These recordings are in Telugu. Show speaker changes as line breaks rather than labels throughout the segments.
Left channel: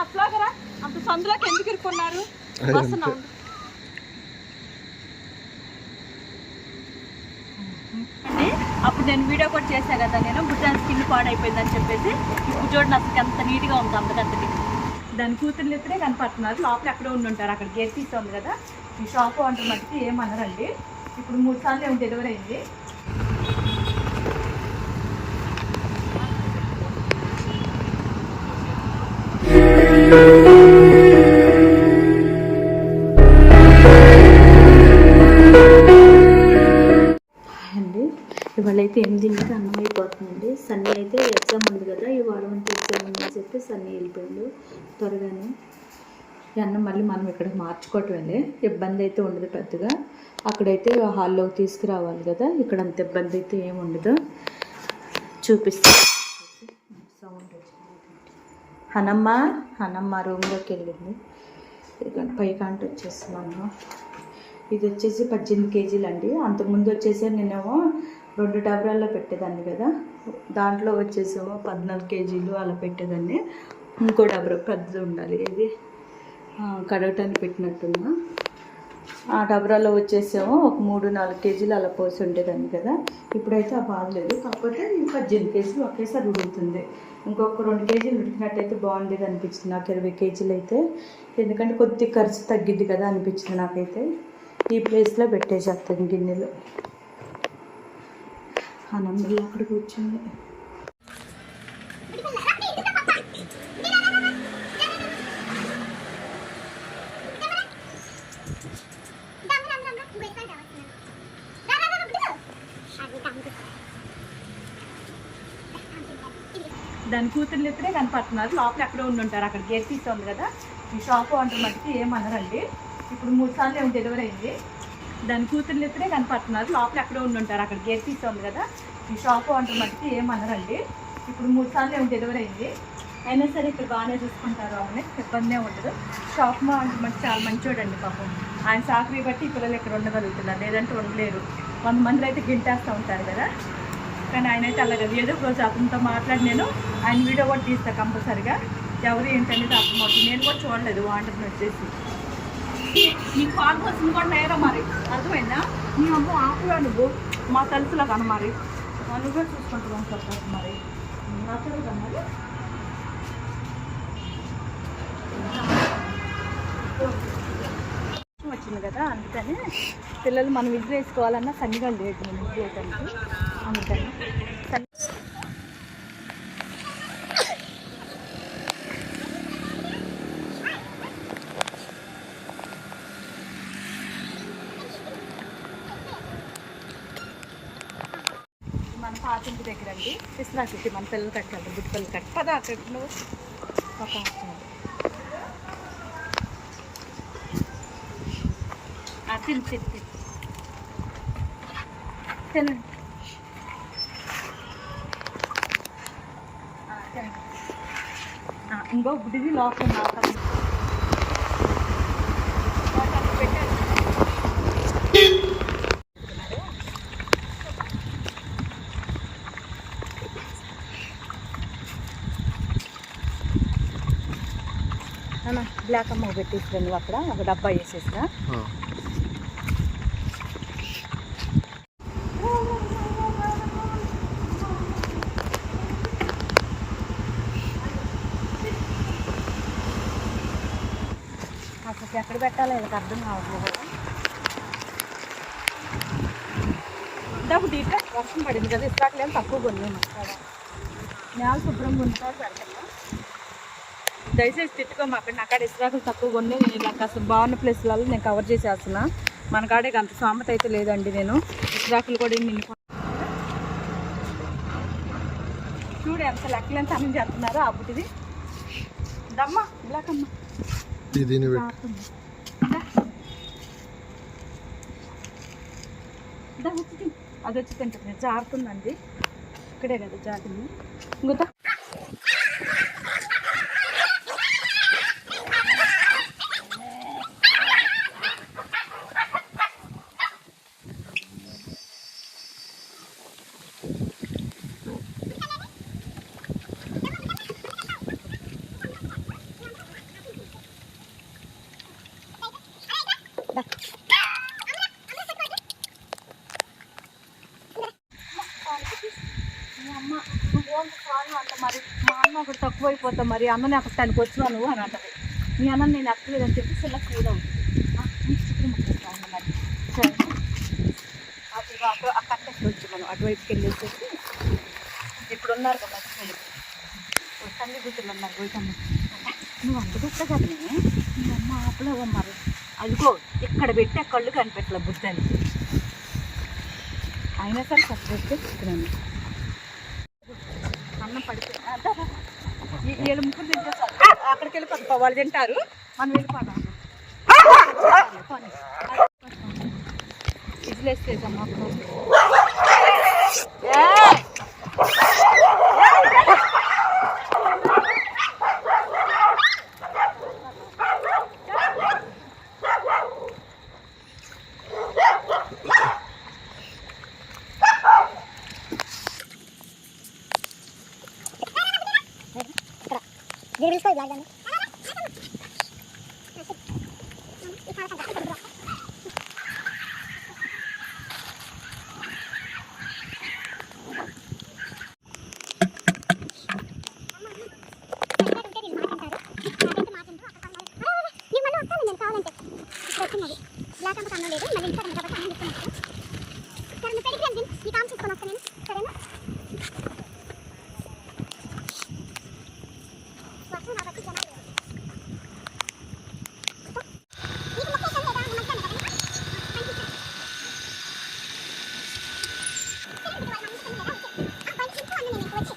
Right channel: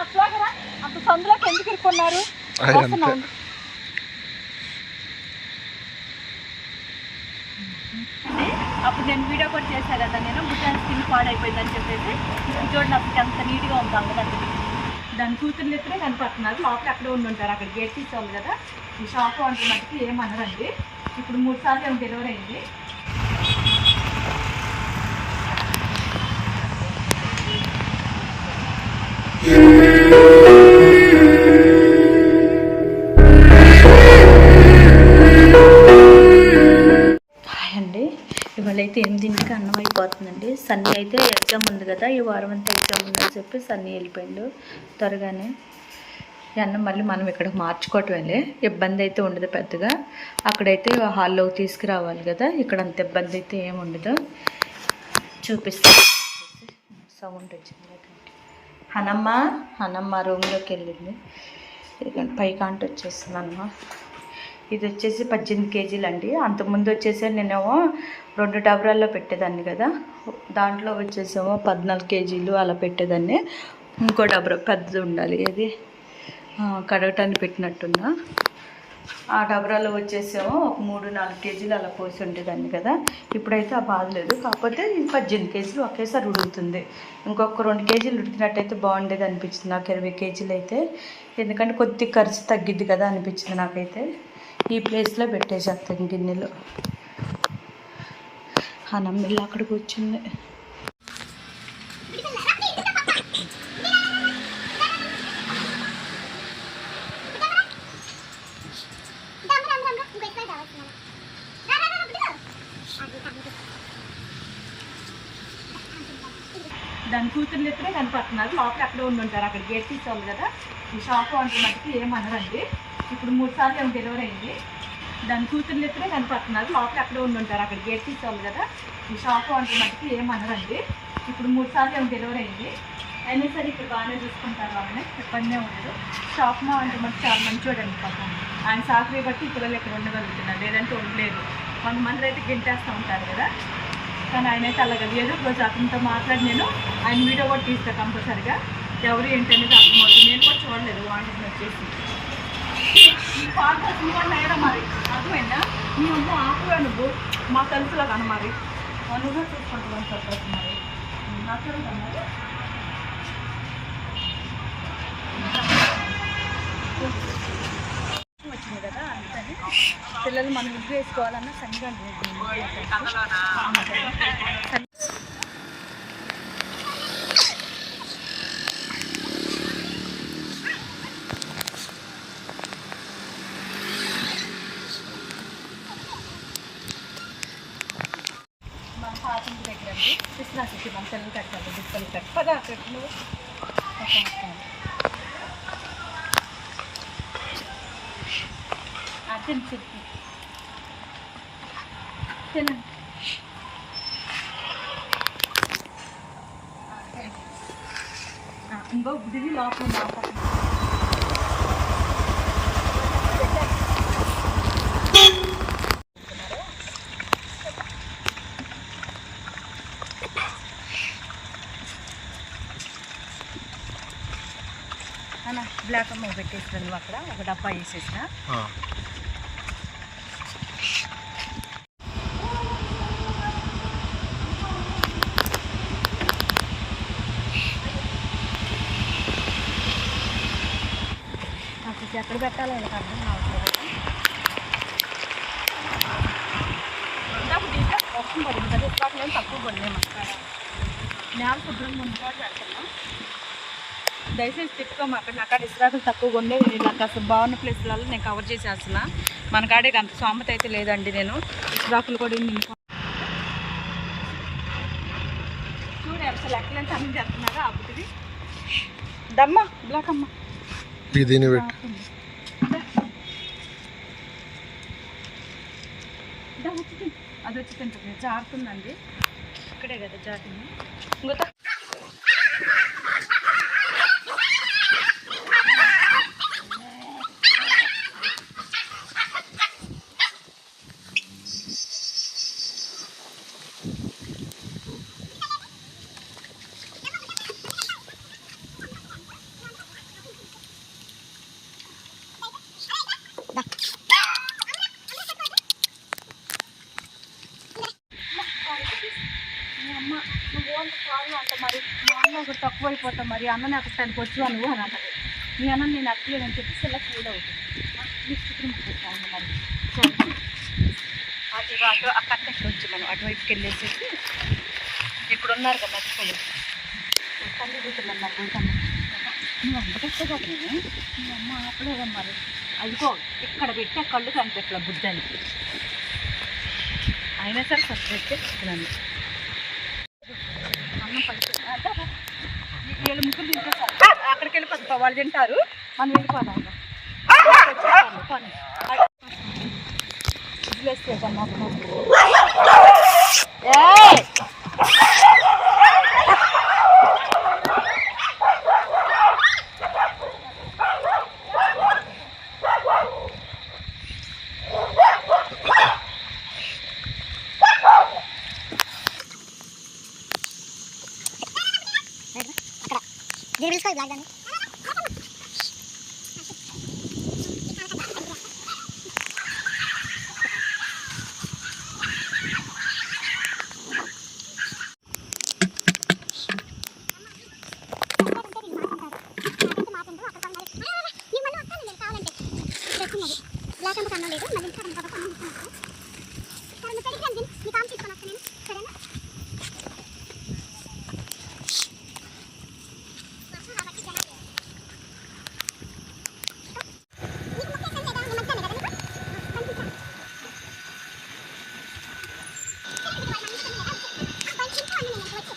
అట్లాగరా అంత సందులోకి ఎందుకు ఇరుక్కున్నారు? అప్పుడు నేను వీడియో కూడా చేశా కదా నేను. బుట్టాన్ స్కిన్ పాడైపోయిందని చెప్పేసి ఇప్పుడు చూడండి అసలు ఎంత నీట్గా ఉంది అందగత్తది దాని కూతుర్ని ఇద్దరే కనపడుతున్నారు. లోపల ఎక్కడ ఉండి ఉంటారు. అక్కడ గేట్ తీసుకోండి కదా. ఈ షాప్ అంటే మటుకు ఏమనరండి? ఇప్పుడు మూడు సార్లు ఏమో డెలివరీ అయింది. అండి. ఇవాళ అయితే ఎనిమిదింటికి అన్నం అయిపోతుందండి. సన్నీ అయితే ఎగ్జామ్ ఉంది కదా ఈ వారం అంతా ఎగ్జామ్ ఉందని చెప్పి సన్నీ వెళ్ళిపోయిండు త్వరగానే. అన్నం మళ్ళీ మనం ఇక్కడ మార్చుకోవటమేలే ఇబ్బంది అయితే ఉండదు పెద్దగా. అక్కడైతే హాల్లోకి తీసుకురావాలి కదా ఇక్కడ అంత ఇబ్బంది అయితే ఏమి ఉండదు. చూపిస్తా. సౌండ్ వచ్చింది. హనమ్మ హనమ్మ రూమ్లోకి వెళ్ళింది ఇదిగోండి పైకాంట వచ్చేస్తున్నాను ఇది వచ్చేసి పద్దెనిమిది కేజీలు అండి. అంతకుముందు వచ్చేసి నేనేమో రెండు డబరాల్లో పెట్టేదాన్ని కదా. దాంట్లో వచ్చేసేమో పద్నాలుగు కేజీలు అలా పెట్టేదాన్ని. ఇంకో డబరా పెద్దది ఉండాలి. ఇది కడగటానికి పెట్టినట్టున్నా. ఆ డబరాలో వచ్చేసేమో. ఒక మూడు నాలుగు కేజీలు అలా పోసి ఉండేదాన్ని కదా. ఇప్పుడైతే ఆ బాధ లేదు. కాకపోతే పద్దెనిమిది కేజీలు ఒకేసారి ఉడుకుతుంది. ఇంకొక రెండు కేజీలు ఉడికినట్టయితే బాగుండేది అనిపించింది. నాకు ఇరవై కేజీలు అయితే. ఎందుకంటే కొద్ది ఖర్చు తగ్గిద్ది కదా అనిపించింది నాకైతే. ఈ ప్లేస్లో పెట్టేసేస్తాను గిన్నెలో. ఆ నమ్మిల్లు అక్కడికి వచ్చింది దాని కూతుర్ని ఇద్దరే కనపడుతున్నారు. లోపల ఎక్కడో ఉండి ఉంటారు. అక్కడ గేట్ తీసుకోండి కదా. ఈ షాప్ వంట మటుకు ఏమనరండి? ఇప్పుడు మూడు సార్లు ఏమి డెలివరీ అయింది. దాని కూతుర్ని ఇద్దరే కనపడుతున్నారు. లోపల ఎక్కడో ఉండి ఉంటారు. అక్కడ గేట్ తీసుకోండి కదా. ఈ షాప్ వంట మటుకు ఏమనరండి? ఇప్పుడు మూడు సార్లు ఏమి డెలివరీ అయింది. అయినా సరే ఇప్పుడు బాగానే చూసుకుంటారు ఆమె ఇబ్బందే ఉండదు. షాప్ మా అంటే మనకి చాలా మంచివాడండి పాపం. ఆయన సాకరీ బట్టి పిల్లలు ఇక్కడ ఉండగలుగుతున్నారు. లేదంటే ఉండలేదు కొంతమంది అయితే గింటేస్తూ ఉంటారు కదా. కానీ ఆయన అయితే అలాగ ఏదో ఒక రోజు అతనితో మాట్లాడి నేను ఆయన వీడియో కూడా తీస్తాను కంపల్సరిగా. ఎవరు ఏంటనేది అర్థమవుతుంది నేను కూడా చూడలేదు వాంటర్ వచ్చేసి ఈ పాట వచ్చింది కూడా లేరా మరి? అర్థమైందా? నీ అమ్మ ఆపుగా నువ్వు. మా తెలుసులా కన మరి. ఆ నువ్వే చూసుకుంటావు చెప్పచ్చు మరి. నచ్చరుగా మరి వచ్చింది కదా పిల్లలు మనం ఇద్దరు వేసుకోవాలన్నా సన్నిగా లేదు మన పాత ఇంటి దగ్గర అండి. కృష్ణాకి మన పిల్లలు కట్టాలి గుడ్ పిల్లలు కట్టి. పదా ఒక కట్టాలి ఆ, తిను తిను తిను తినండి ఆ, తినండి. ఆ, ఇంకో గుడిది లోపల ఉంది అవకాశం వాటి అక్కడ పెట్టాలి అవునా బ్లాక్ అమ్మ పెట్టేసిరా నువ్వు అక్కడ ఒక డబ్బా వేసేసిరా ఎక్కడ పెట్టాలో వీళ్ళకి అర్థం కావట్లేదు. ఇందాక ఇట్లా వర్షం పడింది కదా ఇట్లాట్లో తక్కువ కొన్నాము అక్కడ. నేల శుభ్రంగా ఉంటాడు దయచేసి తిట్టుకోము అక్కడ అక్కడ ఇసురాకులు తక్కువ కొన్నే నేను నాకు అసలు బాగున్న ప్లేస్లలో నేను కవర్ చేసేస్తున్నా. మన కాడే అంత సామెత అయితే లేదండి నేను. ఇసురాకులు కూడా నేను చూడు ఎంత లెక్కలంటే అన్ని చెప్తున్నారు అప్పుడుది దమ్మ బ్లాక్ అమ్మ
ఇది దీన్ని పెట్టు.
జారుతుంది. అది వచ్చి తింటుంది జారుతుందండి. ఇక్కడే కదా అమ్మ అంట మరి? మా అక్కడ తక్కువ అయిపోతాం మరి అన్న నాకు తనకి నువ్వు అని అంటది మీ అన్న నేను అక్కలేదు అని చెప్పి ఇలా ఫీల్ అవుతుంది మీకు చిత్రం మరి అక్కడికి వచ్చి మనం అటువైపుకి వెళ్ళేసేసి ఇప్పుడు ఉన్నారు కదా తల్లి కూతుర్లు ఉన్నారు నువ్వు అంత కష్టపడి మీ అమ్మ ఆపలేదమ్మా అదిగో ఇక్కడ పెట్టే కళ్ళు కనిపెట్టలే బుద్ధానికి అయినా సరే ఫస్ట్ పెట్టే చికెన్ అన్నం పడుతుంది వీళ్ళ ముగ్గురు తింటారు అక్కడికి వెళ్ళిపోతాం వాళ్ళు తింటారు. మనం వెళ్ళిపోతాం ఇదిలేస్తే కన్నా
పిలుచుకో బ్లాక్ దాన్ని బ్లాక్ లేదు మళ్ళీ ఇంట్లో కాబట్టి అన్నం తీసుకున్నాను సరే నువ్వు పెరిగి రండి నీ కామ్ తీసుకొని వస్తాను నేను సరేనా పప్పు నా బట్టి జనాలు లేరు. నీకు లొకేషన్ లేదా? నువ్వు మంచిగానే కదా నీకు? మంచిగా. సరే, ఇది వాళ్ళ అమ్మ కదా, వచ్చేయ్. ఆ, బయట ఇంట్లో అన్న నేను వచ్చి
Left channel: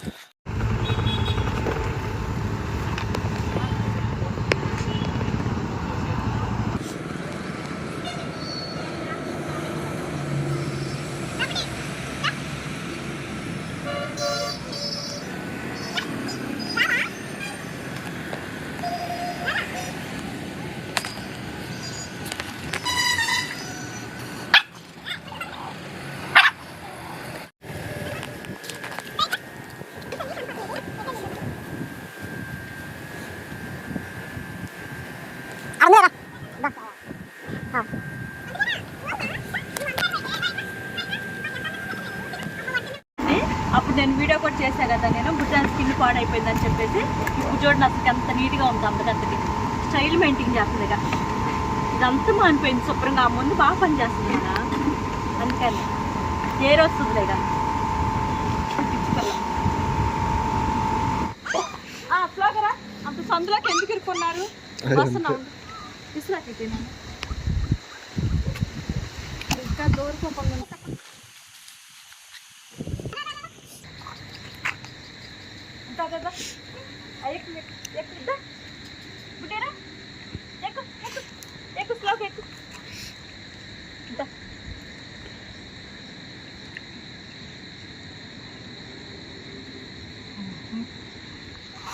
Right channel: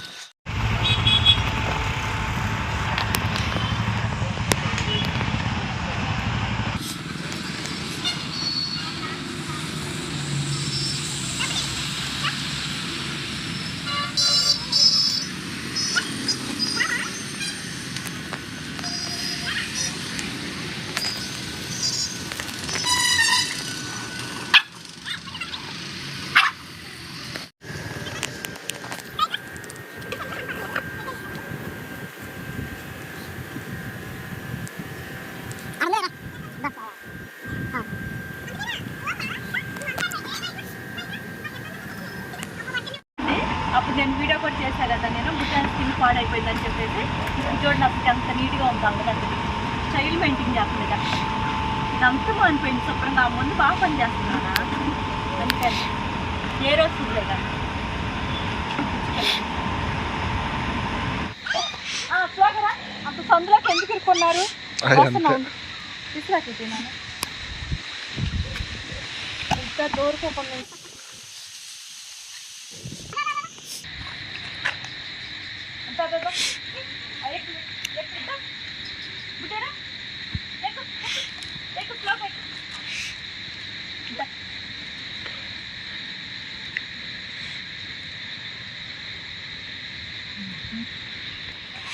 అన్నరా బస్
అప్పుడు నేను వీడియో కూడా చేశా కదా నేను. బుట్టాన్ స్కిన్ పాడైపోయిందని చెప్పేసి ఇప్పుడు చూడండి అసలు ఎంత నీట్గా ఉంది అందగంతకి స్టైల్ మెయింటైన్ చేస్తుంది ఇక ఇదంతా మానిపోయింది శుభ్రంగా. ముందు బాగా పని చేస్తుంది కదా. అందుకని ఏ వస్తుంది లేదా? ఫ్లాగరా అంత సందులోకి ఎందుకు ఇరుక్కున్నారు?
అది
వస్తున్నా
అంతే.
ఉండు. తీసుకురాకపోయినాను ఇంకా దూరకోకుండా అంతా కదా ఎక్కు ఎక్కు ఇద్దా బుడ్డేరా ఎక్కు ఎక్కు ఎక్కు స్లోగా ఎక్కు ఇద్దా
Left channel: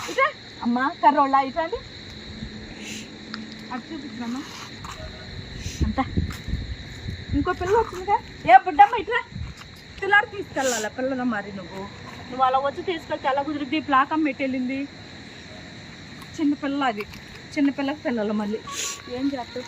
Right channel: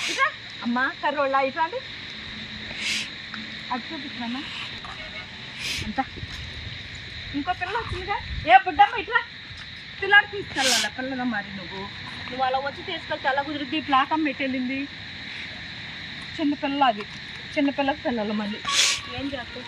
ఇట్లా అమ్మ కర్రోళ్ళ ఇట్లా అంటే అది చూపించమ్మా అంతా. ఇంకో పిల్ల వచ్చిందిగా? ఏ బుడ్డమ్మ ఇట్లా పిల్లలు తీసుకెళ్ళాలి? పిల్లల మరి నువ్వు? నువ్వు అలా వచ్చి తీసుకెళ్తే అలా కుదిరిద్ది? ప్లాకం పెట్టేళ్ళింది. చిన్నపిల్ల అది. చిన్న పిల్లకి పిల్లలు మళ్ళీ. ఏం చేస్తావు?